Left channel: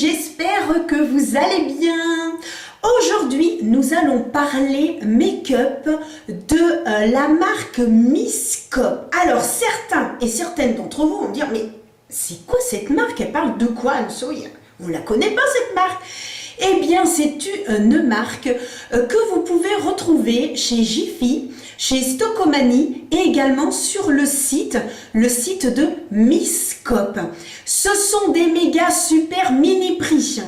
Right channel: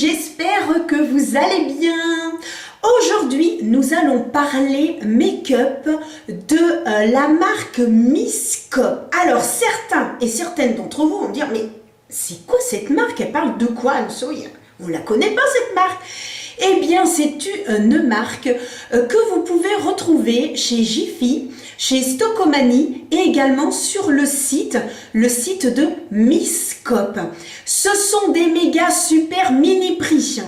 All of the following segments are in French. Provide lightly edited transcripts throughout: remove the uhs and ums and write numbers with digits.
j'espère que vous allez bien. Aujourd'hui, nous allons parler make-up de la marque Misscope. Alors, certains et certaines d'entre vous vont dire, mais c'est quoi cette marque? Elle parle de quoi, Anne-Sophie? On ne la connaît pas, cette marque. Eh bien, c'est une marque que vous pouvez retrouver chez Jiffy, chez Stockomanie et également sur le site de Misscope. Ce sont des méga super mini prix.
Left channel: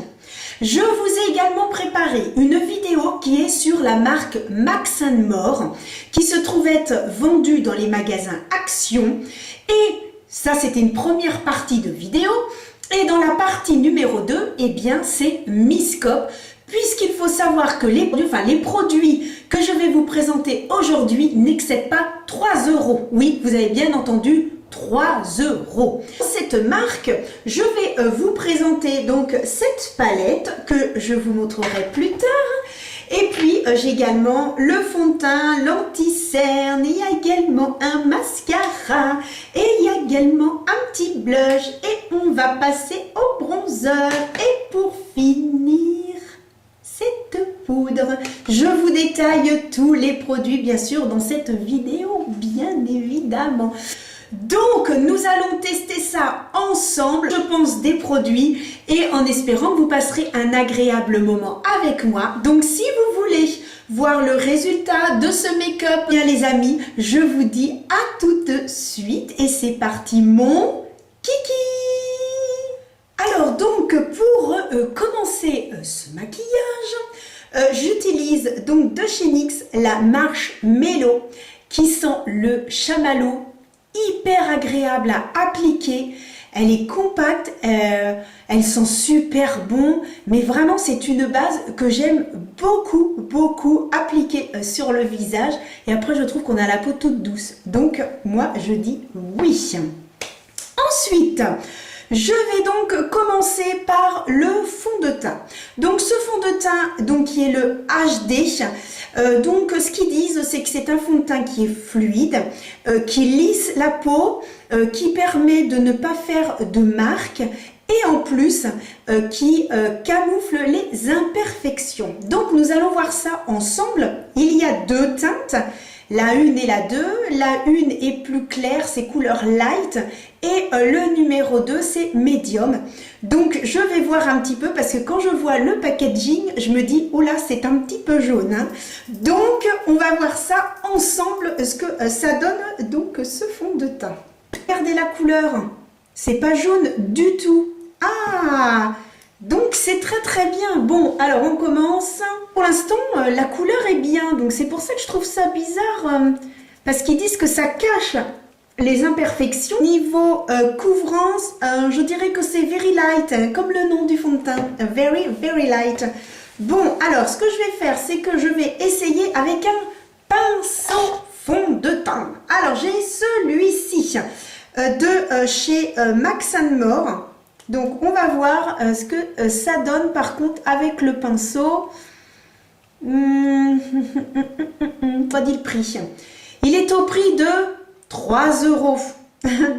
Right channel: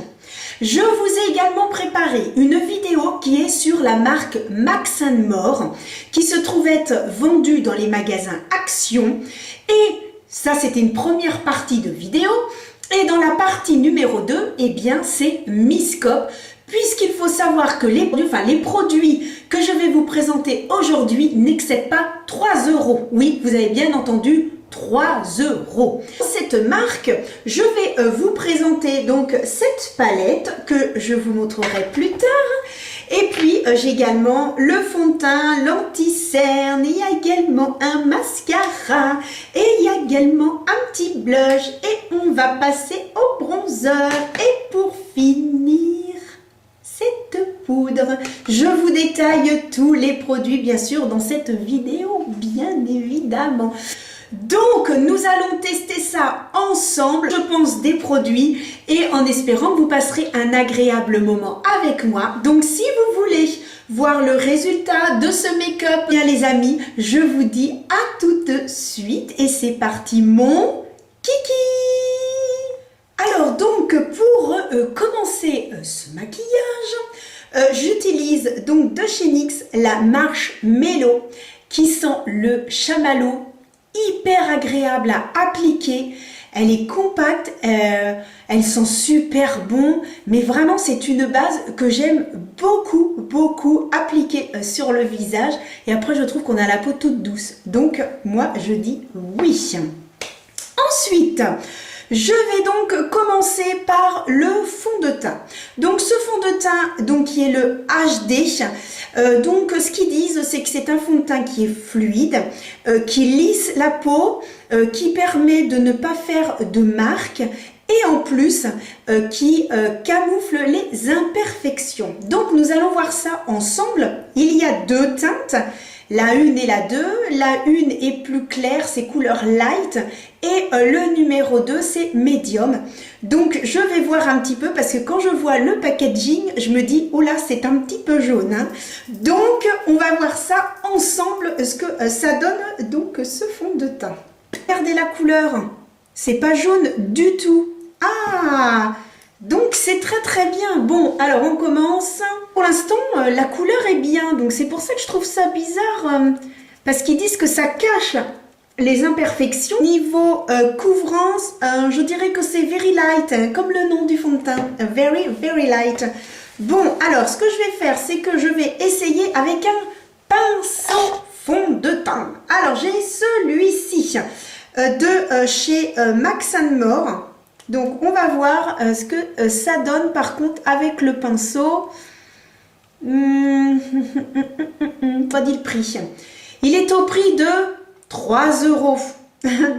Je vous ai également préparé une vidéo qui est sur la marque Max & More, qui se trouve être vendue dans les magasins Action. Et ça, c'était une première partie de vidéo. Et dans la partie numéro 2, eh bien, c'est Misscope, puisqu'il faut savoir que les produits que je vais vous présenter aujourd'hui n'excèdent pas 3 €. Oui, vous avez bien entendu, 3 €. Cette marque, je vais vous présenter donc cette palette que je vous montrerai plus tard. Et puis, j'ai également le fond de teint, l'anti-cerne, il y a également un mascara et il y a également un petit blush et on va passer au bronzer. Et pour finir, cette poudre. Je vous détaille tous les produits, bien sûr, dans cette vidéo, bien évidemment. Donc, nous allons tester ça ensemble, je pense, des produits et en espérant que vous passerez un agréable moment avec moi. Donc, si vous voulez voir le résultat de ce make-up, bien les amis, je vous dis à tout de suite et c'est parti mon kiki! Alors donc, pour commencer ce maquillage, j'utilise donc de chez NYX la Marshmello qui sent le chamallow, hyper agréable à appliquer, elle est compacte, elle sent super bon, mais vraiment c'est une base que j'aime beaucoup appliquer sur le visage et après je trouve qu'on a la peau toute douce, donc moi je dis oui. Ensuite, je vais donc commencer par le fond de teint. Donc ce fond de teint donc, qui est le HD, donc ce qu'ils disent c'est que c'est un fond de teint qui est fluide, qui lisse la peau, qui permet de ne pas faire de marques et en plus qui camoufle les imperfections. Donc nous allons voir ça ensemble. Il y a deux teintes. La 1 et la 2, la 1 est plus claire, c'est couleur light et le numéro 2 c'est medium. Donc je vais voir un petit peu parce que quand je vois le packaging, je me dis oh là c'est un petit peu jaune. Hein. Donc on va voir ça ensemble, ce que ça donne donc ce fond de teint. Regardez la couleur, c'est pas jaune du tout. Ah! Donc c'est très bien. Bon, alors on commence. Pour l'instant, la couleur est bien. Donc c'est pour ça que je trouve ça bizarre. Parce qu'ils disent que ça cache les imperfections. Niveau couvrance, je dirais que c'est very light. Comme le nom du fond de teint. Very light. Bon, alors ce que je vais faire, c'est que je vais essayer avec un pinceau fond de teint. Alors j'ai celui-ci de chez Max & More. Donc, on va voir ce que ça donne par contre avec le pinceau. Pas dit le prix. Il est au prix de 3 €.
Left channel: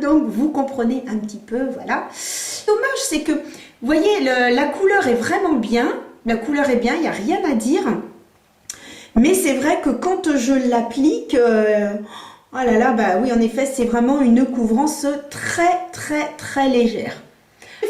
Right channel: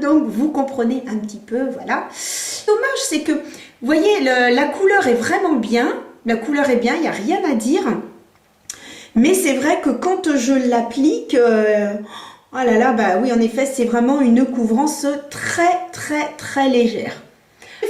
Donc, vous comprenez un petit peu, voilà. Dommage, c'est que, vous voyez, la couleur est vraiment bien. La couleur est bien, il n'y a rien à dire. Mais c'est vrai que quand je l'applique... oh là là, bah oui, en effet, c'est vraiment une couvrance très légère.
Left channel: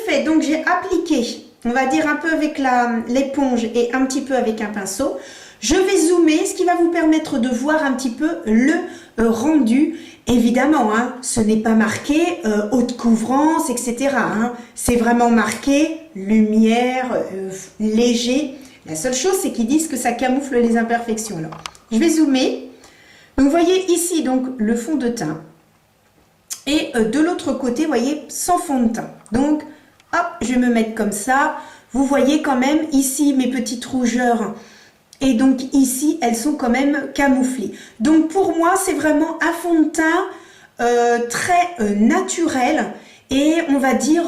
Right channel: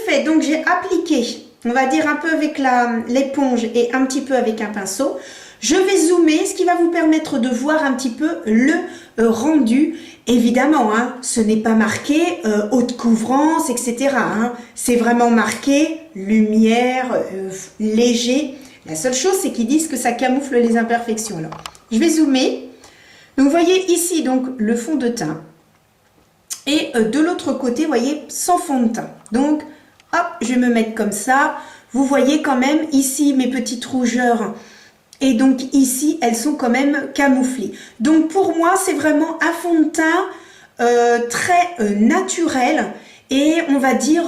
Fait, donc j'ai appliqué, on va dire un peu avec l'éponge et un petit peu avec un pinceau. Je vais zoomer, ce qui va vous permettre de voir un petit peu le rendu. Évidemment, hein, ce n'est pas marqué haute couvrance, etc. Hein. C'est vraiment marqué lumière, léger. La seule chose, c'est qu'ils disent que ça camoufle les imperfections. Alors, je vais zoomer. Donc, vous voyez ici donc le fond de teint. Et de l'autre côté, vous voyez, sans fond de teint. Donc, hop, je vais me mettre comme ça. Vous voyez quand même ici mes petites rougeurs. Et donc ici, elles sont quand même camouflées. Donc pour moi, c'est vraiment un fond de teint très naturel. Et on va dire,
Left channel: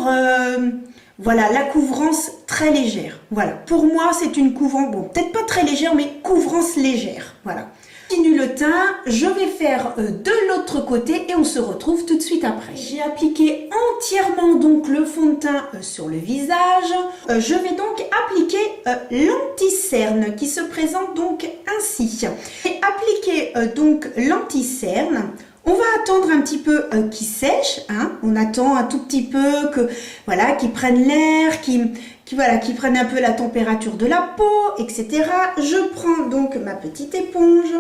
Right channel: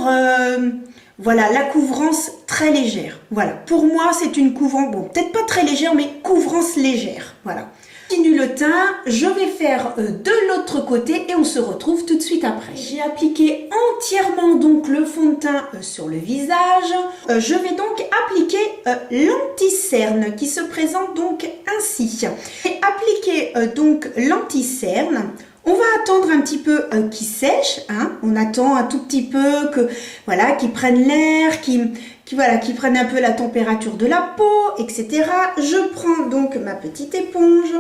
voilà, la couvrance très légère. Voilà, pour moi, c'est une couvrance, bon, peut-être pas très légère, mais couvrance légère. Voilà. Continue le teint, je vais faire de l'autre côté et on se retrouve tout de suite après. J'ai appliqué entièrement donc le fond de teint sur le visage. Je vais donc appliquer l'anti-cerne qui se présente donc ainsi. Et appliquer donc l'anti-cerne. On va attendre un petit peu qu'il sèche, hein. On attend un tout petit peu que voilà, qu'il prenne l'air, qu'il prenne un peu la température de la peau, etc. Je prends donc ma petite éponge.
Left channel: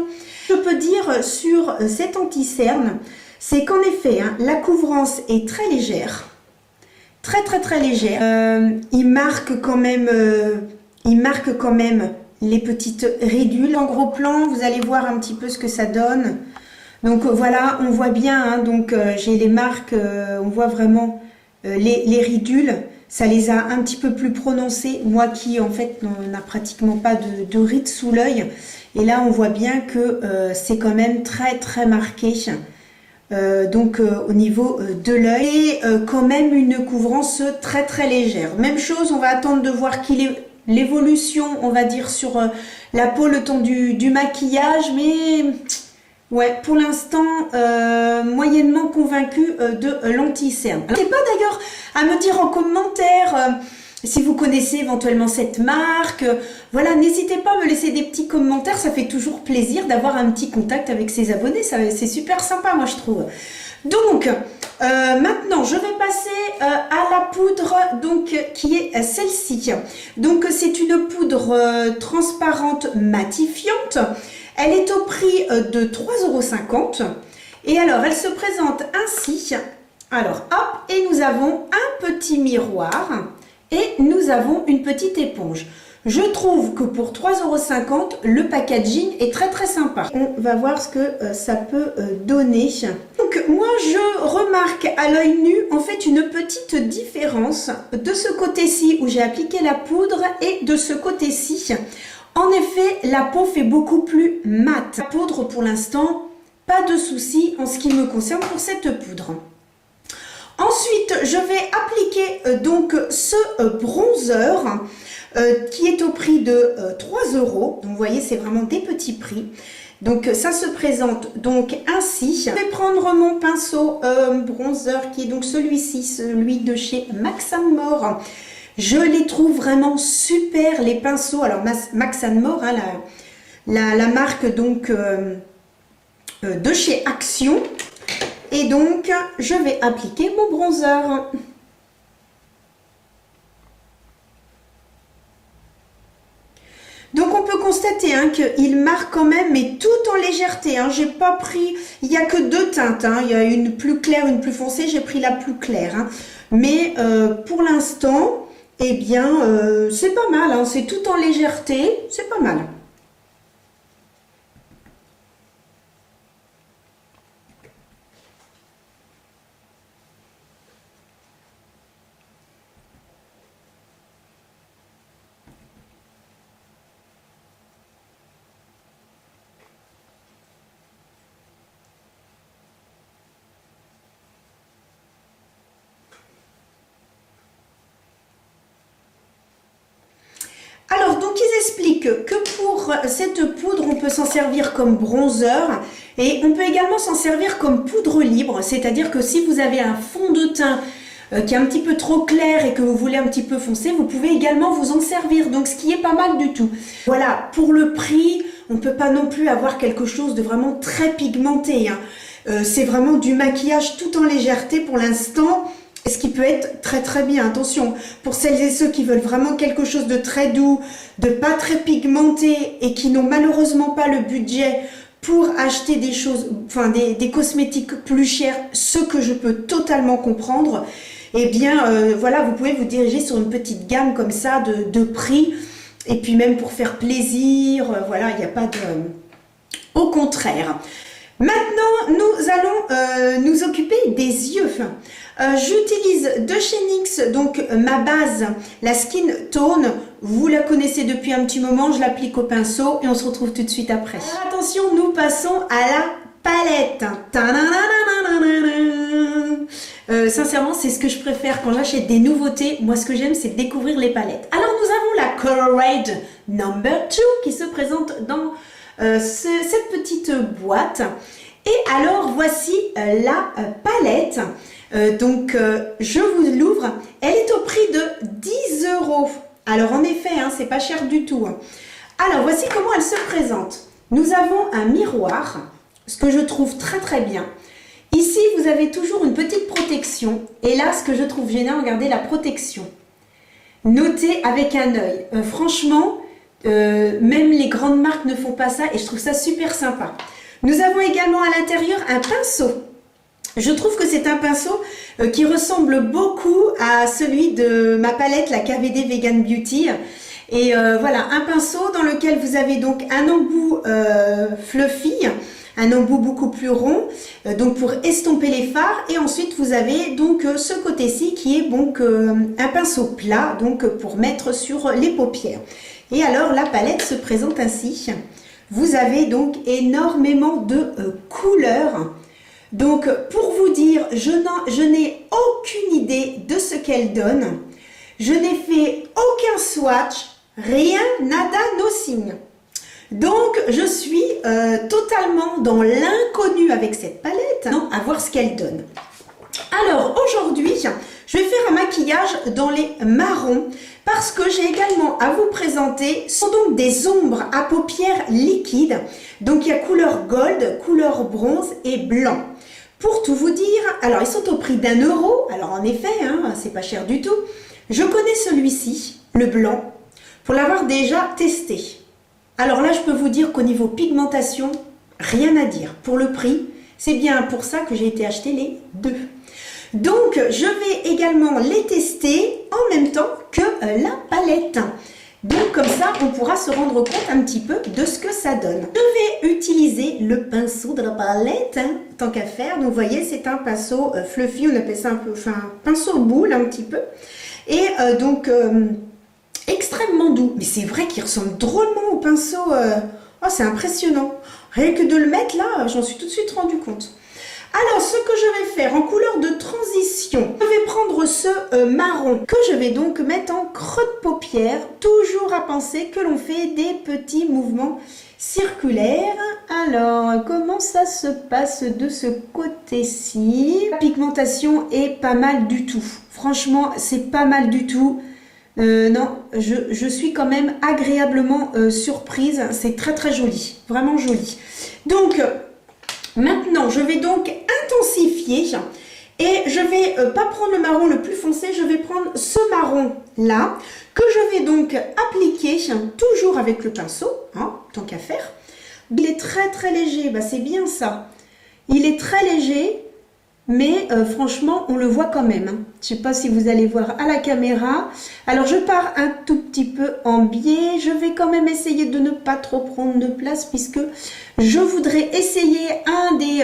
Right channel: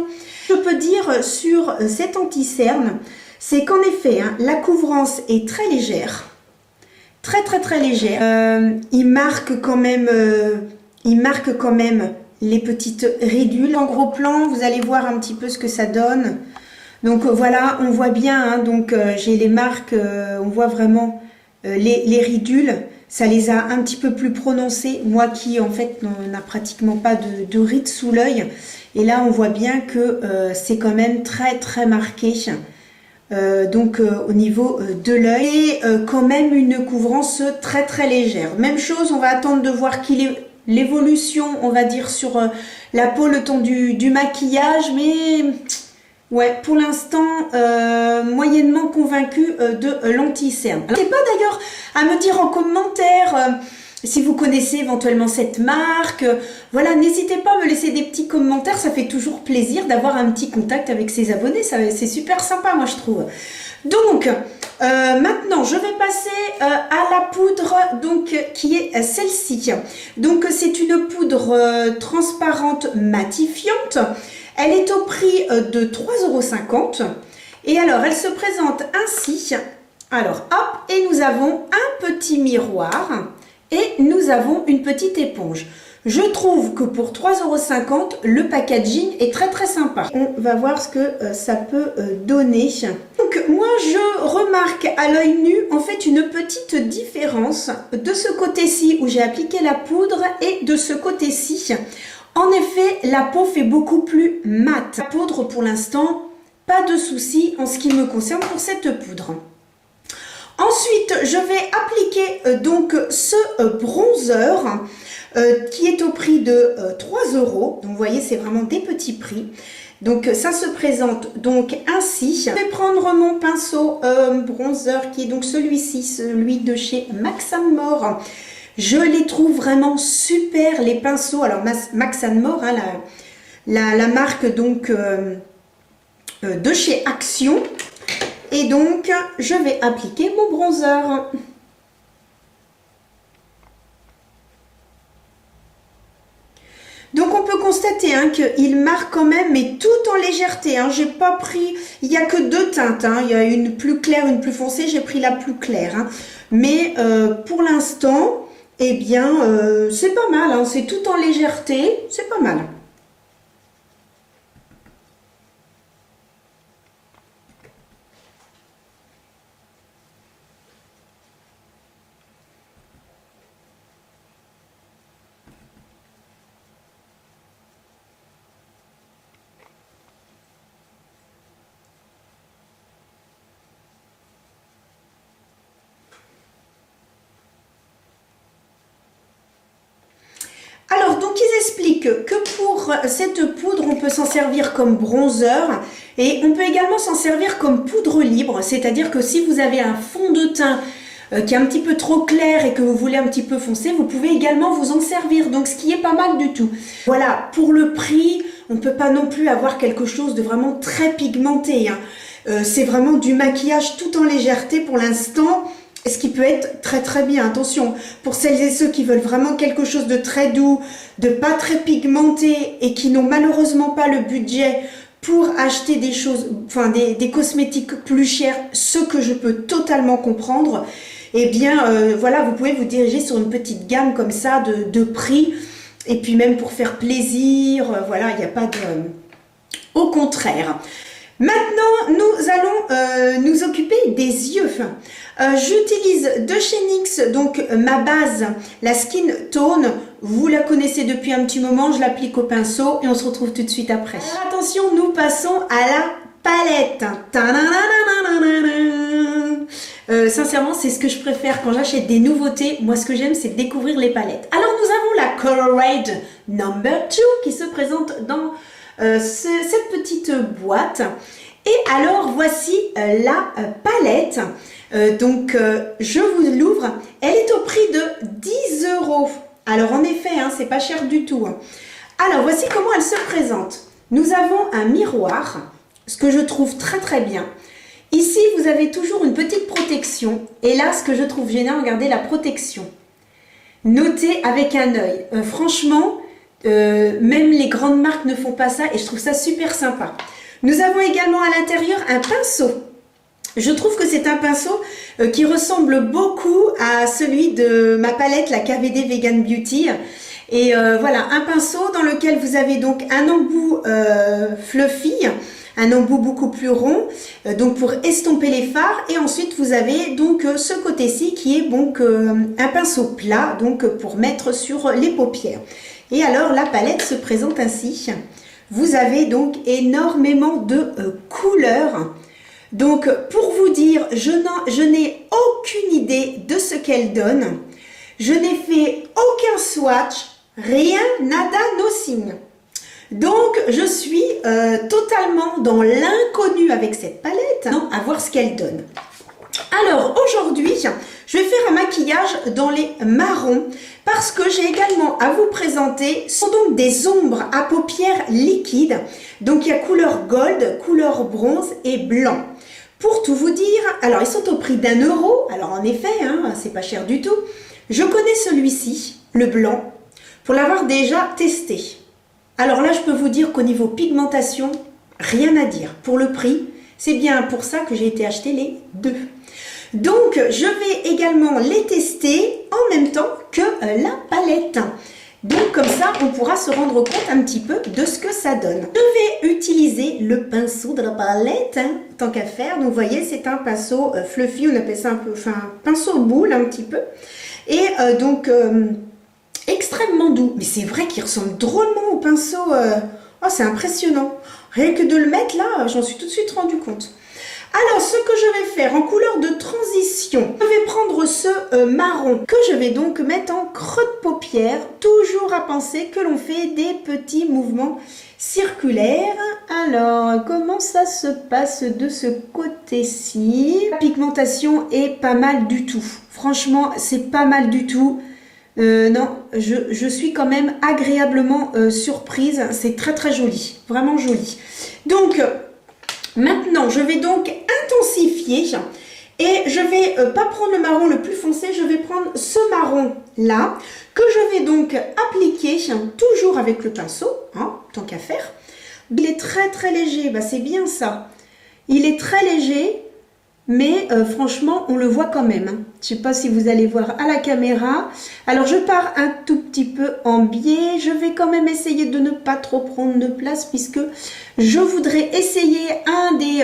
Je peux dire sur cet anti-cerne, c'est qu'en effet, hein, la couvrance est très légère, très légère. Il marque quand même les petites ridules. En gros plan, vous allez voir un petit peu ce que ça donne. Donc voilà, on voit bien, hein, donc j'ai les marques, on voit vraiment les ridules, ça les a un petit peu plus prononcées, moi qui en fait n'a pratiquement pas de rides sous l'œil, et là on voit bien que c'est quand même très marqué, au niveau de l'œil, et quand même une couvrance très légère. Même chose, on va attendre de voir l'évolution, on va dire, sur la peau le temps du maquillage, mais... Ouais, pour l'instant, moyennement convaincue de l'anti-cerne. N'hésitez pas d'ailleurs à me dire en commentaire si vous connaissez éventuellement cette marque. Voilà, n'hésitez pas à me laisser des petits commentaires, ça fait toujours plaisir d'avoir un petit contact avec ses abonnés, c'est super sympa moi je trouve. Donc, maintenant je vais passer à la poudre donc, qui est celle-ci. Donc c'est une poudre transparente matifiante. Elle est au prix de 3,50 € et alors elle se présente ainsi. Alors hop, et nous avons un petit miroir et nous avons une petite éponge. Je trouve que pour 3,50 €, le packaging est très sympa. On va voir ce que ça peut donner. Donc moi je remarque à l'œil nu en fait une petite différence de ce côté-ci où j'ai appliqué la poudre et de ce côté-ci. En effet, la peau fait beaucoup plus mate. La poudre, pour l'instant, pas de souci en ce qui me concerne pour cette poudre. Ensuite, je vais appliquer donc ce bronzer qui est au prix de 3 €. Donc, vous voyez, c'est vraiment des petits prix. Donc, ça se présente donc ainsi. Je vais prendre mon pinceau bronzer qui est donc celui-ci, celui de chez Max & More. Je les trouve vraiment super, les pinceaux. Alors, Max & More, hein, la marque donc de chez Action. Et donc, je vais appliquer mon bronzer. Donc, on peut constater hein, qu'il marque quand même, mais tout en légèreté. Hein. J'ai pas pris, il n'y a que deux teintes. Hein. Il y a une plus claire, une plus foncée. J'ai pris la plus claire. Hein. Mais pour l'instant... Eh bien, c'est pas mal, hein, c'est tout en légèreté, c'est pas mal. Alors, donc, ils expliquent que pour cette poudre, on peut s'en servir comme bronzer et on peut également s'en servir comme poudre libre, c'est-à-dire que si vous avez un fond de teint qui est un petit peu trop clair et que vous voulez un petit peu foncé, vous pouvez également vous en servir, donc ce qui est pas mal du tout. Voilà, pour le prix, on ne peut pas non plus avoir quelque chose de vraiment très pigmenté, hein. C'est vraiment du maquillage tout en légèreté pour l'instant. Ce qui peut être très bien, attention, pour celles et ceux qui veulent vraiment quelque chose de très doux, de pas très pigmenté et qui n'ont malheureusement pas le budget pour acheter des choses, enfin des cosmétiques plus chers, ce que je peux totalement comprendre, eh bien voilà, vous pouvez vous diriger sur une petite gamme comme ça de prix, et puis même pour faire plaisir, voilà, il n'y a pas de... Au contraire. Maintenant, nous allons nous occuper des yeux. J'utilise de chez NYX, donc ma base, la Skin Tone. Vous la connaissez depuis un petit moment, je l'applique au pinceau et on se retrouve tout de suite après. Alors, attention, nous passons à la palette. Sincèrement, c'est ce que je préfère quand j'achète des nouveautés. Moi, ce que j'aime, c'est découvrir les palettes. Alors, nous avons la Colorade No. 2 qui se présente dans cette petite boîte. Et alors voici la palette. Je vous l'ouvre. Elle est au prix de 10 €. Alors en effet, hein, c'est pas cher du tout. Hein. Alors voici comment elle se présente. Nous avons un miroir, ce que je trouve très très bien. Ici, vous avez toujours une petite protection. Et là, ce que je trouve génial, regardez la protection. Notez avec un œil. Franchement, même les grandes marques ne font pas ça et je trouve ça super sympa. Nous avons également à l'intérieur un pinceau. Je trouve que c'est un pinceau qui ressemble beaucoup à celui de ma palette, la KVD Vegan Beauty. Et voilà, un pinceau dans lequel vous avez donc un embout fluffy, un embout beaucoup plus rond, donc pour estomper les fards. Et ensuite, vous avez donc ce côté-ci qui est donc un pinceau plat, donc pour mettre sur les paupières. Et alors, la palette se présente ainsi. Vous avez donc énormément de couleurs. Donc, pour vous dire, je n'ai aucune idée de ce qu'elle donne. Je n'ai fait aucun swatch, rien, nada, nothing. Donc, je suis totalement dans l'inconnu avec cette palette, hein, à voir ce qu'elle donne. Alors, aujourd'hui, je vais faire un maquillage dans les marrons parce que j'ai également à vous présenter, ce sont donc des ombres à paupières liquides. Donc, il y a couleur gold, couleur bronze et blanc. Pour tout vous dire, alors ils sont au prix d'1 €. Alors, en effet, hein, c'est pas cher du tout. Je connais celui-ci, le blanc, pour l'avoir déjà testé. Alors là, je peux vous dire qu'au niveau pigmentation, rien à dire. Pour le prix, c'est bien pour ça que j'ai été acheter les deux. Donc, je vais également les tester en même temps que la palette. Donc, comme ça, on pourra se rendre compte un petit peu de ce que ça donne. Je vais utiliser le pinceau de la palette, hein, tant qu'à faire. Donc, vous voyez, c'est un pinceau fluffy, on appelle ça un peu, enfin, pinceau boule un petit peu. Et extrêmement doux. Mais c'est vrai qu'il ressemble drôlement au pinceau. Oh, c'est impressionnant. Rien que de le mettre là, j'en suis tout de suite rendu compte. Alors, ce que je vais faire en couleur de transition, je vais prendre ce marron que je vais donc mettre en creux de paupière. Toujours à penser que l'on fait des petits mouvements circulaires. Alors, comment ça se passe de ce côté-ci? La pigmentation est pas mal du tout. Franchement, c'est pas mal du tout. Non, je suis quand même agréablement surprise. C'est très très joli, vraiment joli. Donc, maintenant, je vais donc intensifier et je vais pas prendre le marron le plus foncé, je vais prendre ce marron là que je vais donc appliquer toujours avec le pinceau, hein, tant qu'à faire. Il est très très léger, bah, c'est bien ça. Il est très léger. Mais franchement, on le voit quand même. Hein. Je ne sais pas si vous allez voir à la caméra. Alors, je pars un tout petit peu en biais. Je vais quand même essayer de ne pas trop prendre de place puisque je voudrais essayer un des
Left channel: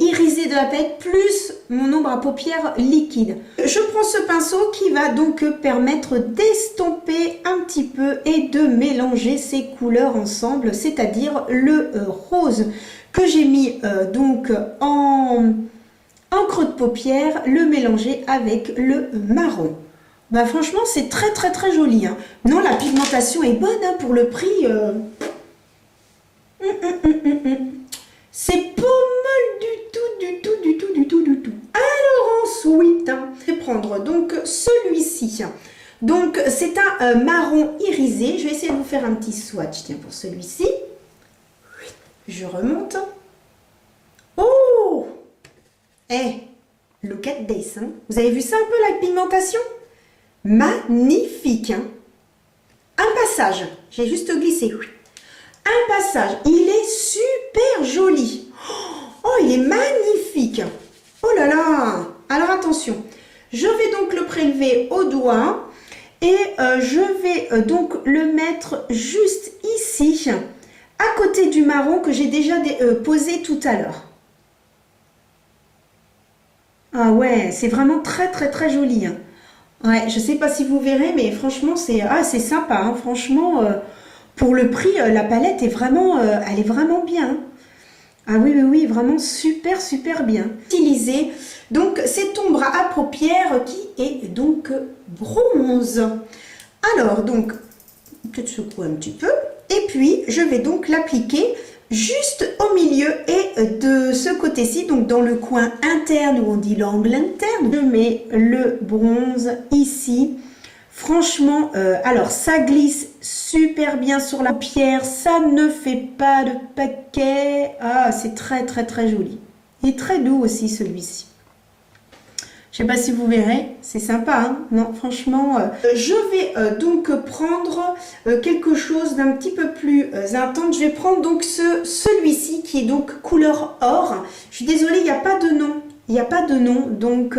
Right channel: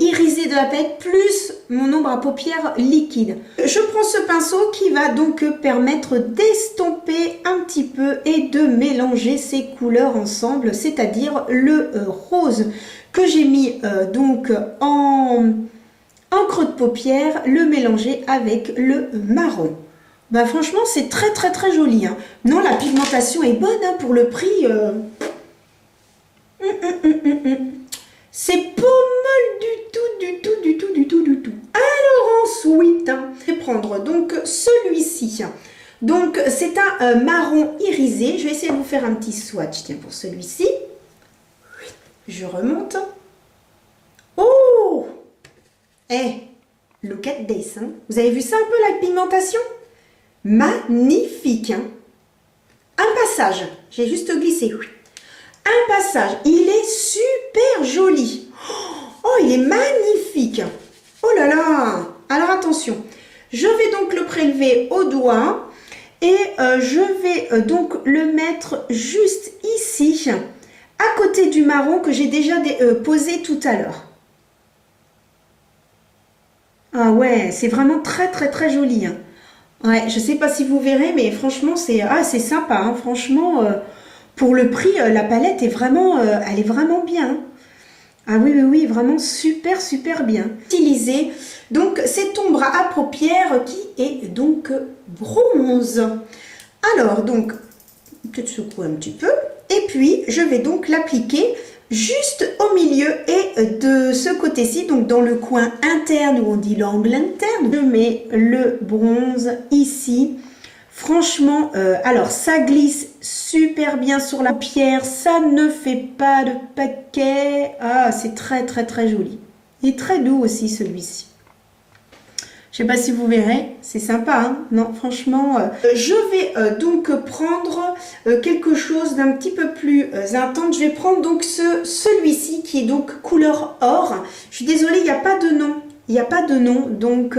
irisés de la palette plus mon ombre à paupières liquide. Je prends ce pinceau qui va donc permettre d'estomper un petit peu et de mélanger ces couleurs ensemble, c'est-à-dire le rose que j'ai mis donc en creux de paupière, le mélanger avec le marron. Bah franchement, c'est très très très joli. Hein. Non, la pigmentation est bonne hein, pour le prix. C'est pas mal du tout. Alors ensuite, hein, je vais prendre donc celui-ci. Donc c'est un marron irisé. Je vais essayer de vous faire un petit swatch. Tiens, pour celui-ci. Je remonte. Oh! Look at this. Hein. Vous avez vu ça un peu la pigmentation? Magnifique. Hein. Un passage. J'ai juste glissé. Un passage. Il est super joli. Oh, il est magnifique. Oh là là. Alors attention. Je vais donc le prélever au doigt. Et je vais donc le mettre juste ici. À côté du marron que j'ai déjà posé tout à l'heure. Ah ouais, c'est vraiment très très très joli. Hein. Ouais, je sais pas si vous verrez, mais franchement, c'est sympa. Hein. Franchement, pour le prix, la palette est vraiment, elle est vraiment bien. Hein. Ah oui, vraiment super super bien. Utiliser donc cette ombre à paupières qui est donc bronze. Alors donc, peut-être secouer un petit peu. Et puis, je vais donc l'appliquer juste au milieu et de ce côté-ci, donc dans le coin interne où on dit l'angle interne. Je mets le bronze ici. Franchement, alors ça glisse super bien sur la pierre, ça ne fait pas de paquet. Ah, c'est très très très joli. Il est très doux aussi celui-ci. Je sais pas si vous verrez, c'est sympa, hein? Non, franchement, je vais donc prendre quelque chose d'un petit peu plus intense. Je vais prendre donc celui-ci qui est donc couleur or. Je suis désolée, il n'y a pas de nom. Il n'y a pas de nom, donc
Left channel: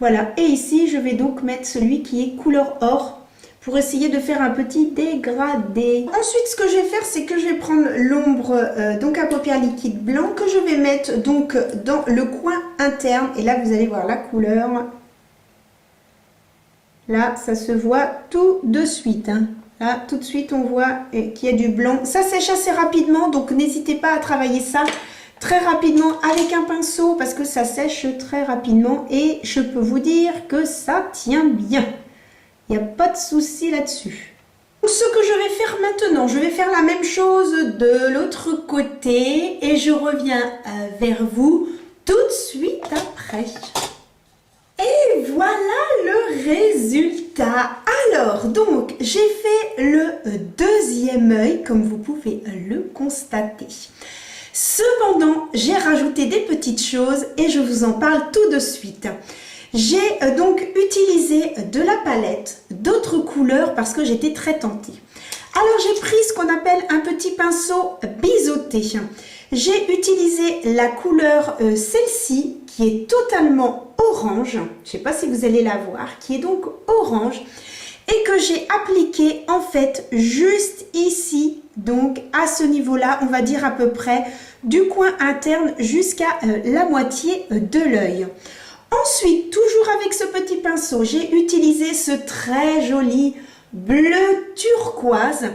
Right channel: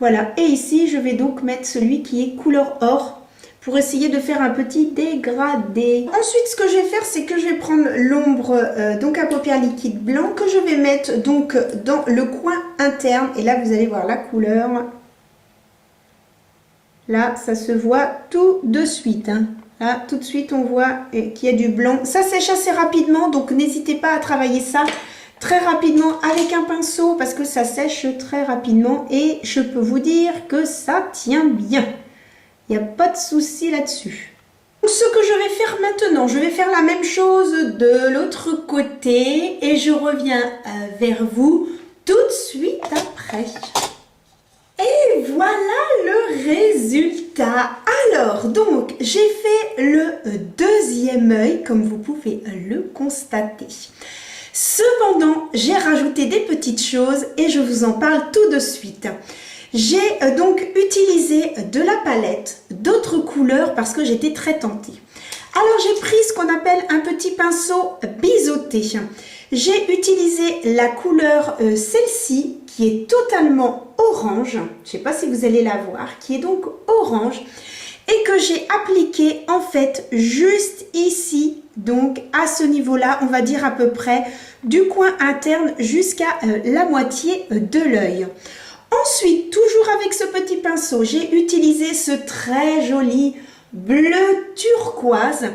voilà. Et ici, je vais donc mettre celui qui est couleur or pour essayer de faire un petit dégradé. Ensuite, ce que je vais faire, c'est que je vais prendre l'ombre donc à paupières liquide blanc que je vais mettre donc dans le coin interne. Et là, vous allez voir la couleur. Là, ça se voit tout de suite. Hein. Là, tout de suite, on voit qu'il y a du blanc. Ça sèche assez rapidement, donc n'hésitez pas à travailler ça très rapidement avec un pinceau parce que ça sèche très rapidement et je peux vous dire que ça tient bien. Il n'y a pas de souci là-dessus. Ce que je vais faire maintenant, je vais faire la même chose de l'autre côté et je reviens vers vous tout de suite après. Et voilà le résultat. Alors, donc, j'ai fait le deuxième œil, comme vous pouvez le constater. Cependant, j'ai rajouté des petites choses et je vous en parle tout de suite. J'ai donc utilisé de la palette, d'autres couleurs parce que j'étais très tentée. Alors j'ai pris ce qu'on appelle un petit pinceau biseauté. J'ai utilisé la couleur celle-ci qui est totalement orange. Je ne sais pas si vous allez la voir, qui est donc orange et que j'ai appliqué en fait juste ici, donc à ce niveau-là, on va dire à peu près du coin interne jusqu'à la moitié de l'œil. Ensuite, toujours avec ce petit pinceau, j'ai utilisé ce très joli bleu turquoise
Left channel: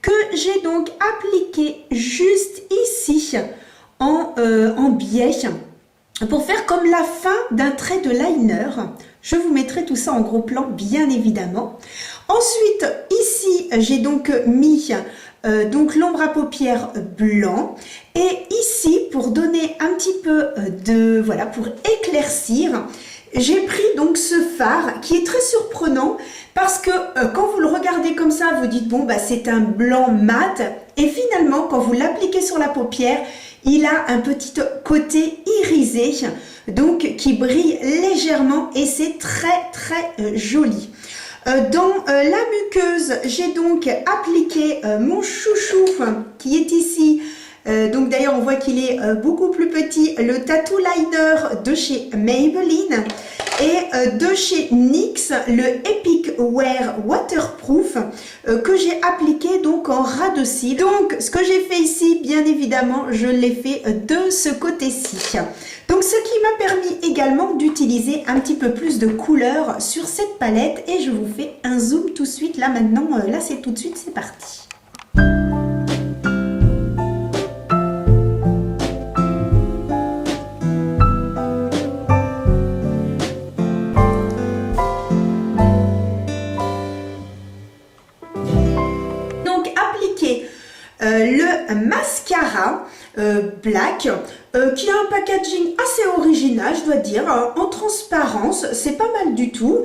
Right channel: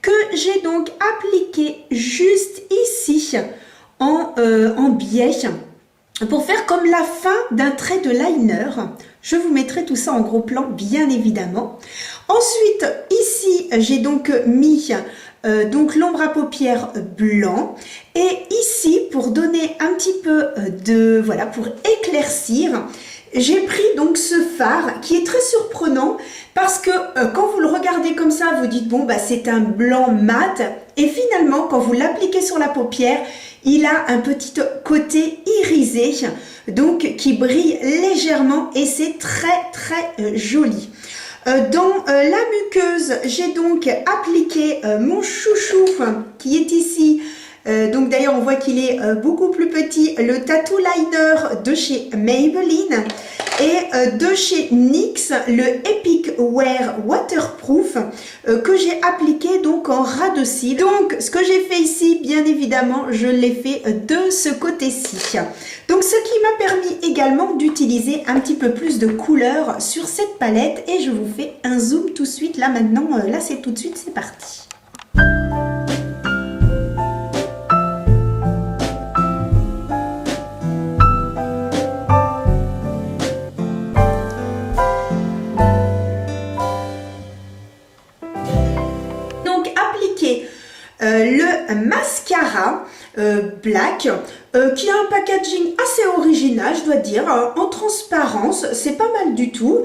que j'ai donc appliqué juste ici en biais pour faire comme la fin d'un trait de liner. Je vous mettrai tout ça en gros plan, bien évidemment. Ensuite, ici, j'ai donc mis donc l'ombre à paupières blanc et ici pour donner un petit peu de voilà pour éclaircir j'ai pris donc ce fard qui est très surprenant parce que quand vous le regardez comme ça vous dites bon bah c'est un blanc mat et finalement quand vous l'appliquez sur la paupière il a un petit côté irisé donc qui brille légèrement et c'est très très joli. Dans la muqueuse, j'ai donc appliqué mon chouchou qui est ici. Donc d'ailleurs, on voit qu'il est beaucoup plus petit. Le Tattoo Liner de chez Maybelline et de chez NYX, le Epic Wear Waterproof que j'ai appliqué donc en ras de cils. Donc ce que j'ai fait ici, bien évidemment, je l'ai fait de ce côté-ci. Donc ce qui m'a permis également d'utiliser un petit peu plus de couleurs sur cette palette et je vous fais un zoom tout de suite là maintenant, là c'est tout de suite, c'est parti. Donc appliquer le mascara black qui a un packaging assez original je dois dire en transparence, c'est pas mal du tout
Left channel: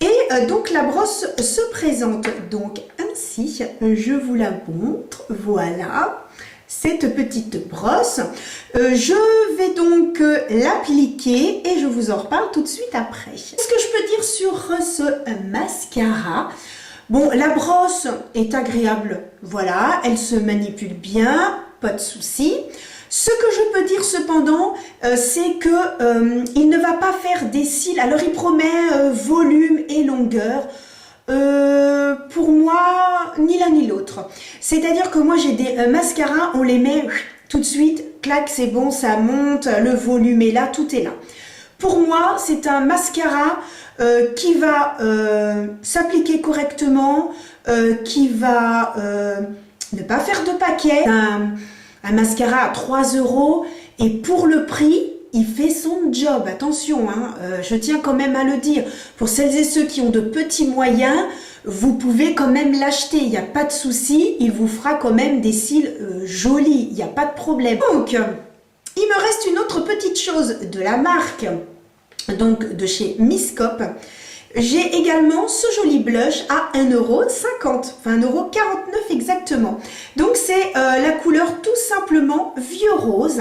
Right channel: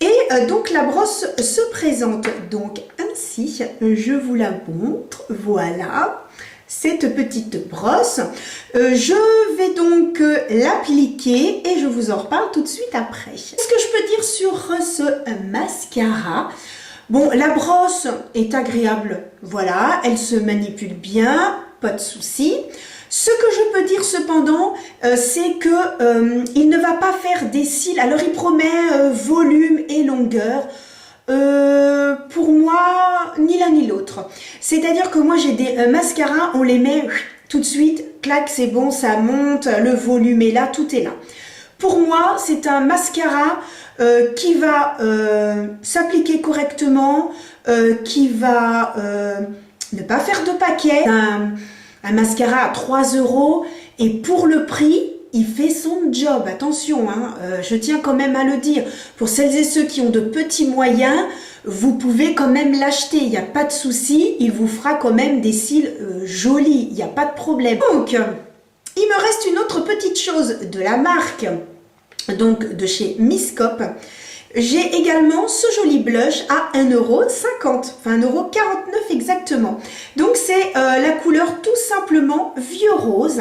et donc la brosse se présente donc ainsi, je vous la montre, voilà cette petite brosse, je vais donc l'appliquer et je vous en reparle tout de suite après. Ce que je peux dire sur ce mascara, bon, la brosse est agréable, voilà, elle se manipule bien, pas de souci. Ce que je peux dire cependant, c'est que il ne va pas faire des cils, alors il promet volume et longueur. Pour moi, ni l'un ni l'autre. C'est-à-dire que moi j'ai des mascaras, on les met tout de suite, clac, c'est bon, ça monte, le volume est là, tout est là. Pour moi, c'est un mascara qui va s'appliquer correctement, qui va ne pas faire de paquet. Un mascara à 3 € et pour le prix, il fait son job, attention, hein, je tiens quand même à le dire. Pour celles et ceux qui ont de petits moyens, vous pouvez quand même l'acheter, il n'y a pas de souci, il vous fera quand même des cils jolis, il n'y a pas de problème. Donc, il me reste une autre petite chose de la marque, donc de chez Miss Cop. J'ai également ce joli blush à 1,50 €, enfin 1,49 € exactement. Donc c'est la couleur tout simplement vieux rose.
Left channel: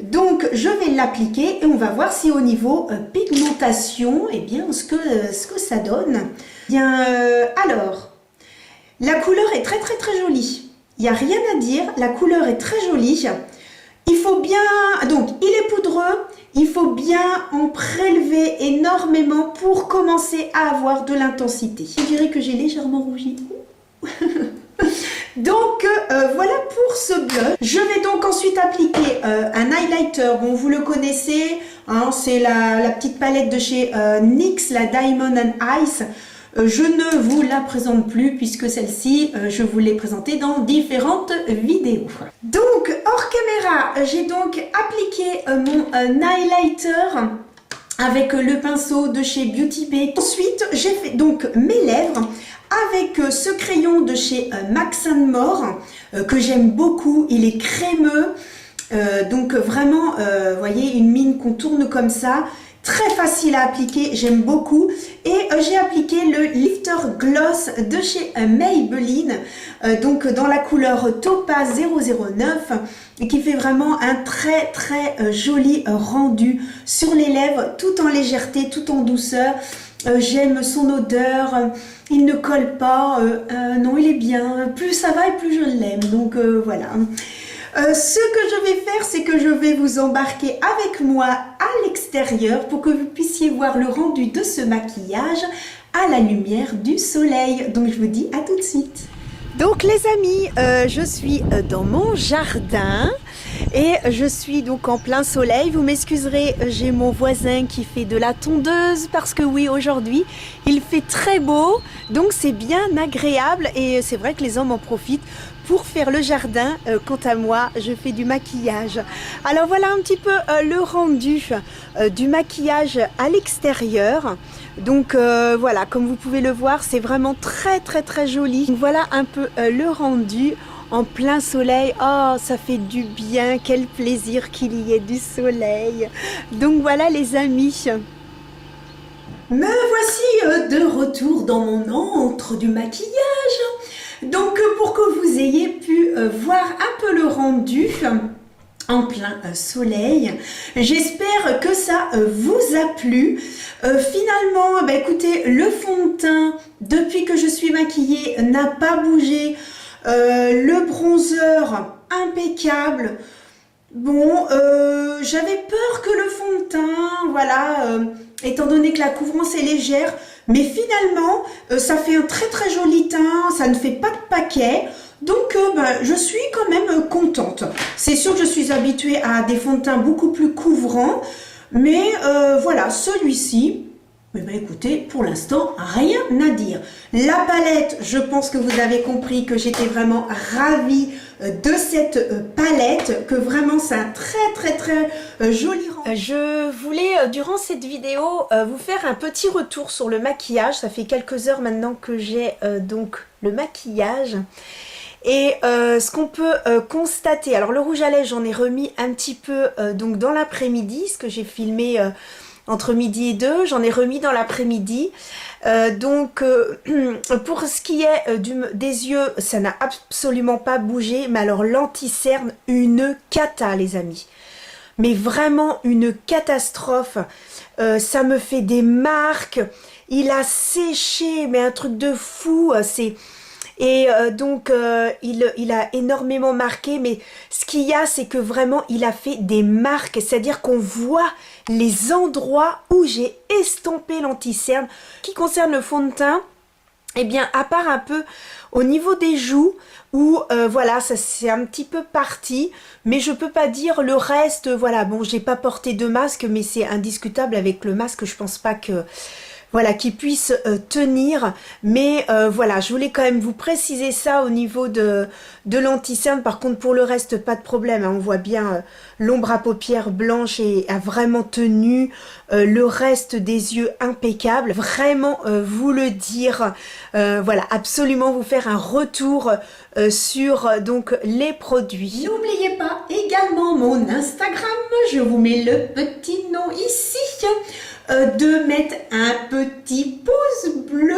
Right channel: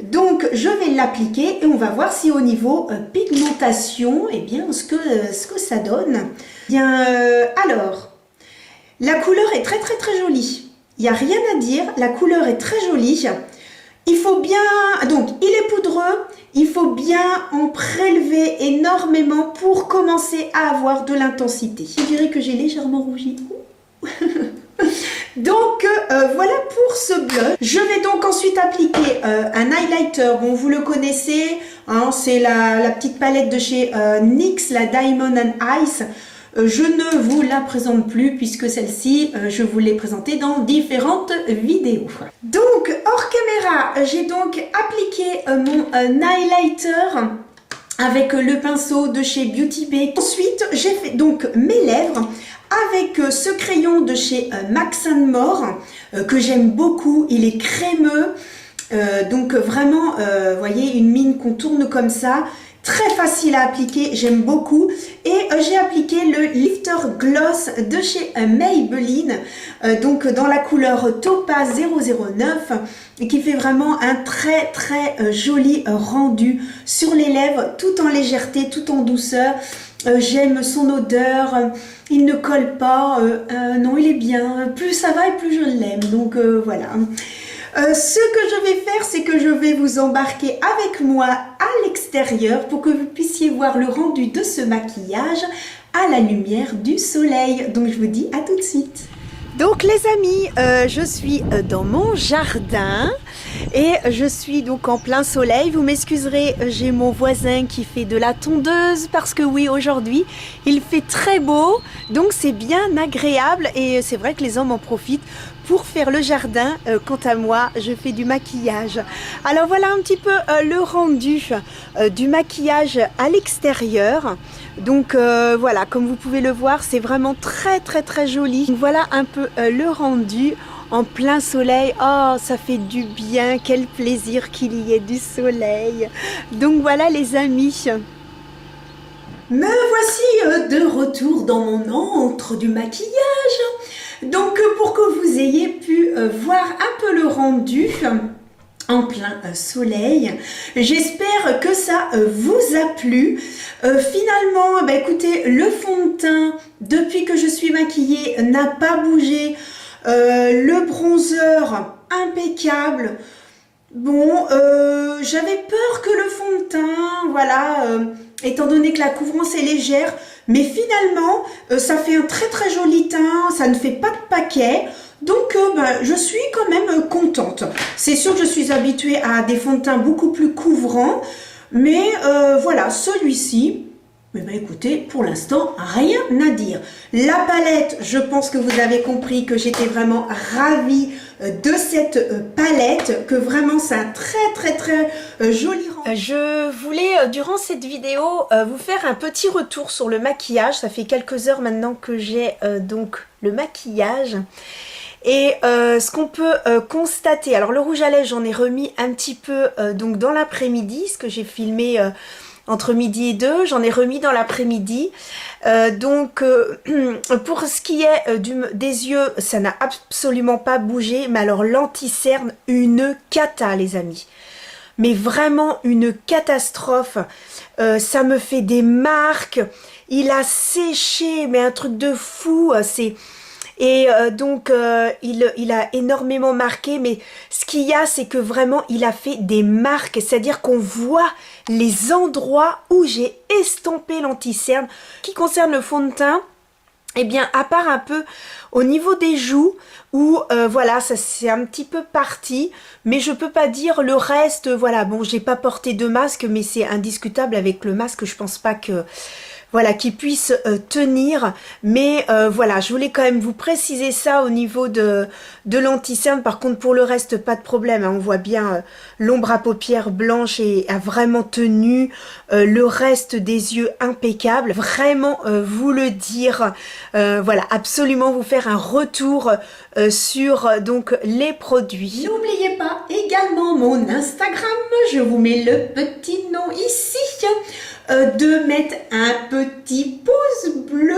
Donc je vais l'appliquer et on va voir si au niveau pigmentation, eh bien ce que ça donne. Bien, alors, la couleur est très jolie. Il n'y a rien à dire, la couleur est très jolie. Il faut bien, donc il est poudreux, il faut bien en prélever énormément pour commencer à avoir de l'intensité. Je dirais que j'ai légèrement rougi. Donc voilà pour ce blush. Je vais donc ensuite appliquer un highlighter. Bon, vous le connaissez, hein, c'est la petite palette de chez NYX, la Diamond and Ice. Je ne vous la présente plus puisque celle-ci, je vous l'ai présentée dans différentes vidéos. Donc, hors caméra, j'ai donc appliqué mon highlighter avec le pinceau de chez Beauty Bay. Ensuite, j'ai fait donc mes lèvres avec ce crayon de chez Max & More que j'aime beaucoup. Il est crémeux, donc vraiment, vous voyez, une mine qu'on tourne comme ça. Très facile à appliquer, j'aime beaucoup. Et j'ai appliqué le Lifter Gloss de chez Maybelline, donc dans la couleur Topaz 009, et qui fait vraiment un très joli rendu sur les lèvres, tout en légèreté, tout en douceur. J'aime son odeur, il ne colle pas, non il est bien, plus ça va et plus je l'aime, donc voilà. Ce que je vais faire, c'est que je vais vous embarquer avec moi à l'extérieur pour que vous puissiez voir le rendu de ce maquillage à la lumière du soleil. Donc je vous dis à tout de suite. Donc les amis, je suis dans mon jardin et je suis donc en plein soleil. Vous m'excuserez, j'ai mon voisin qui fait de la tondeuse parce que oui, aujourd'hui il fait très beau, donc c'est bien agréable et c'est vrai que les hommes en profitent pour faire le jardin. Quant à moi, je fais du maquillage. Alors voilà un petit peu le rendu du maquillage à l'extérieur. Donc voilà, comme vous pouvez le voir, c'est vraiment très joli. Donc, voilà un peu le rendu en plein soleil. Oh, ça fait du bien, quel plaisir qu'il y ait du soleil. Donc voilà les amis. Me voici de retour dans mon antre du maquillage. Donc pour que vous ayez pu voir un peu le rendu en plein soleil, j'espère que ça vous a plu. Finalement, bah, écoutez, le fond de teint, depuis que je suis maquillée, n'a pas bougé. Le bronzer, impeccable. Bon, j'avais peur que le fond de teint, voilà, étant donné que la couvrance est légère, mais finalement, ça fait un très joli teint, ça ne fait pas de paquet, donc je suis quand même contente. C'est sûr que je suis habituée à des fonds de teint beaucoup plus couvrants, mais voilà, celui-ci, eh bien, écoutez, pour l'instant, rien à dire. La palette, je pense que vous avez compris que j'étais vraiment ravie de cette palette, que vraiment c'est un très joli rendu. Je voulais, durant cette vidéo, vous faire un petit retour sur le maquillage. Ça fait quelques heures maintenant que j'ai donc le maquillage. Et ce qu'on peut constater, alors le rouge à lèvres, j'en ai remis un petit peu donc dans l'après-midi, ce que j'ai filmé entre midi et 2, j'en ai remis dans l'après-midi. Donc pour ce qui est des yeux, ça n'a absolument pas bougé, mais alors l'anti-cerne, une cata les amis. Mais vraiment une catastrophe, ça me fait des marques, il a séché, mais un truc de fou, c'est... Et donc il a énormément marqué, mais ce qu'il y a, c'est que vraiment il a fait des marques, c'est-à-dire qu'on voit les endroits où j'ai estompé l'anti-cerne. Qui concerne le fond de teint, eh bien à part un peu au niveau des joues où voilà, ça c'est un petit peu parti, mais je peux pas dire le reste. Voilà, bon, j'ai pas porté de masque, mais c'est indiscutable avec le masque, je pense pas que voilà, qui puisse tenir. Mais voilà, je voulais quand même vous préciser ça au niveau de l'anti-cerne. Par contre, pour le reste, pas de problème, hein. On voit bien l'ombre à paupières blanche et a vraiment tenu. Le reste des yeux impeccable. Vraiment vous le dire. Voilà, absolument vous faire un retour sur donc les produits. N'oubliez pas également mon Instagram. Je vous mets le petit nom ici. De mettre un petit pouce bleu,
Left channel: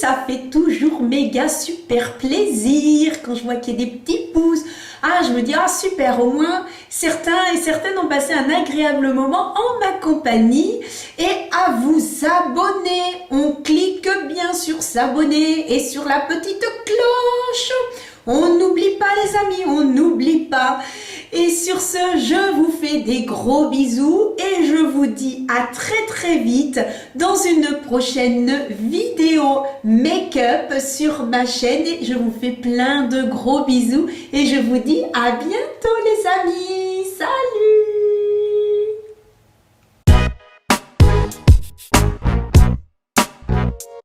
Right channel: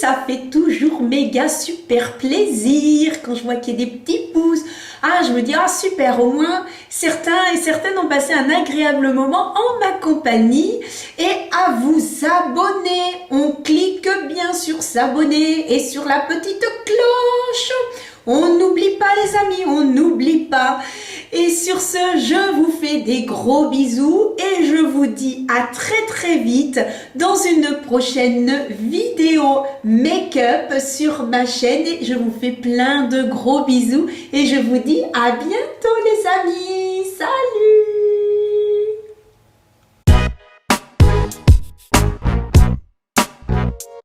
ça fait toujours méga super plaisir quand je vois qu'il y a des petits pouces. Ah, je me dis, ah super, au moins certains et certaines ont passé un agréable moment en ma compagnie. Et à vous abonner, on clique bien sur s'abonner et sur la petite cloche. On n'oublie pas les amis, on n'oublie pas. Et sur ce, je vous fais des gros bisous et je vous dis à très vite dans une prochaine vidéo make-up sur ma chaîne. Et je vous fais plein de gros bisous et je vous dis à bientôt les amis.